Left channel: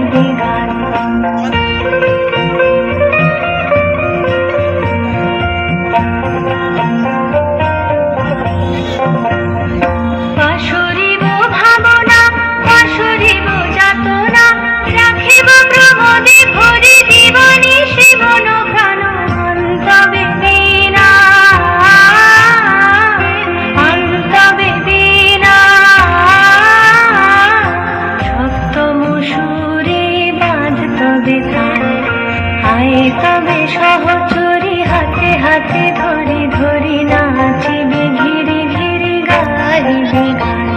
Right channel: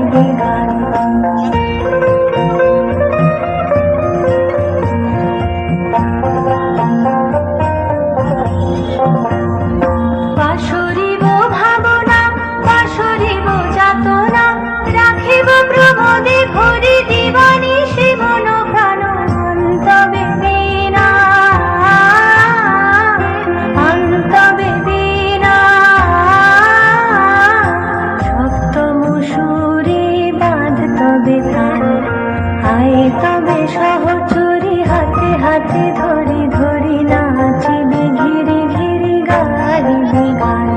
গাহিবে গান। পাশরিব ভাবনা, পাশরিব যাতনা, রাখিব প্রমোদে ভরি দিবানিশি মন প্রাণ। অন্তবে বীণা, অন্তবে বীণা, সপ্তম সুরে বাঁধ তবে তান। আয় তবে সহচরী হাতে হাতে ধরি ধরি, নাচিবে ঘিরি ঘিরি গাহিবে গান।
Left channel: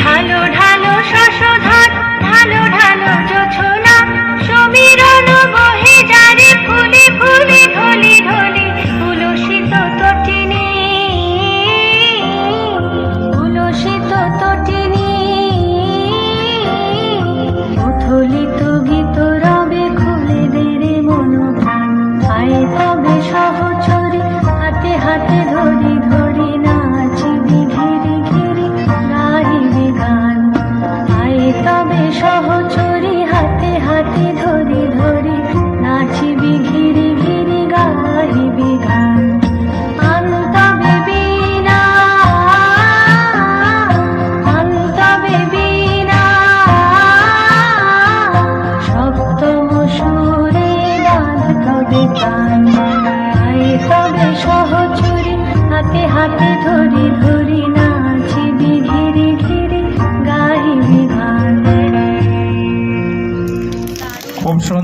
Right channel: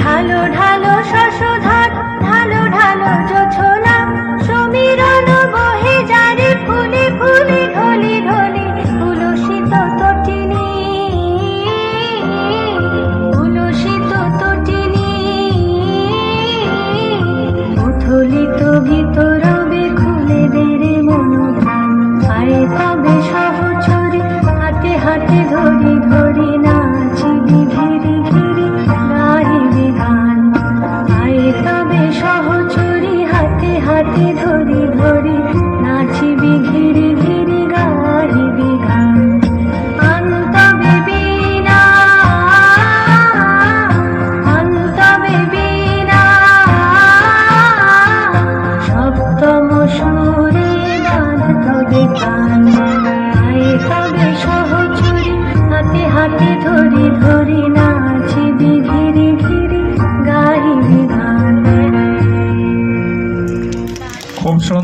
ঢালো ঢালো শশধর, ঢালো ঢালো জোছনা, সমীরণ বহে জারি ফুলে ফুলে ঢলি ঢলি। উলসিত তটিনী, উলসিত তটিনী, উথলিত গীত রবে খুলে দেরে মন প্রাণ। আয় তবে সহচরী হাতে হাতে ধরি ধরি, নাচিবি ঘিরি ঘিরি গাহিবে গান। আয় তবে সহচরী হাতে হাতে ধরি ধরি, নাচিবি ঘিরি ঘিরি গাহিবে গান। অন্তবে বীণা, অন্তবে বীণা, সপ্তম সুরে বাঁধ তবে তান। আয় তবে সহচরী হাতে হাতে ধরি ধরি, নাচিবি ঘিরি ঘিরি গাহিবে গান। খুব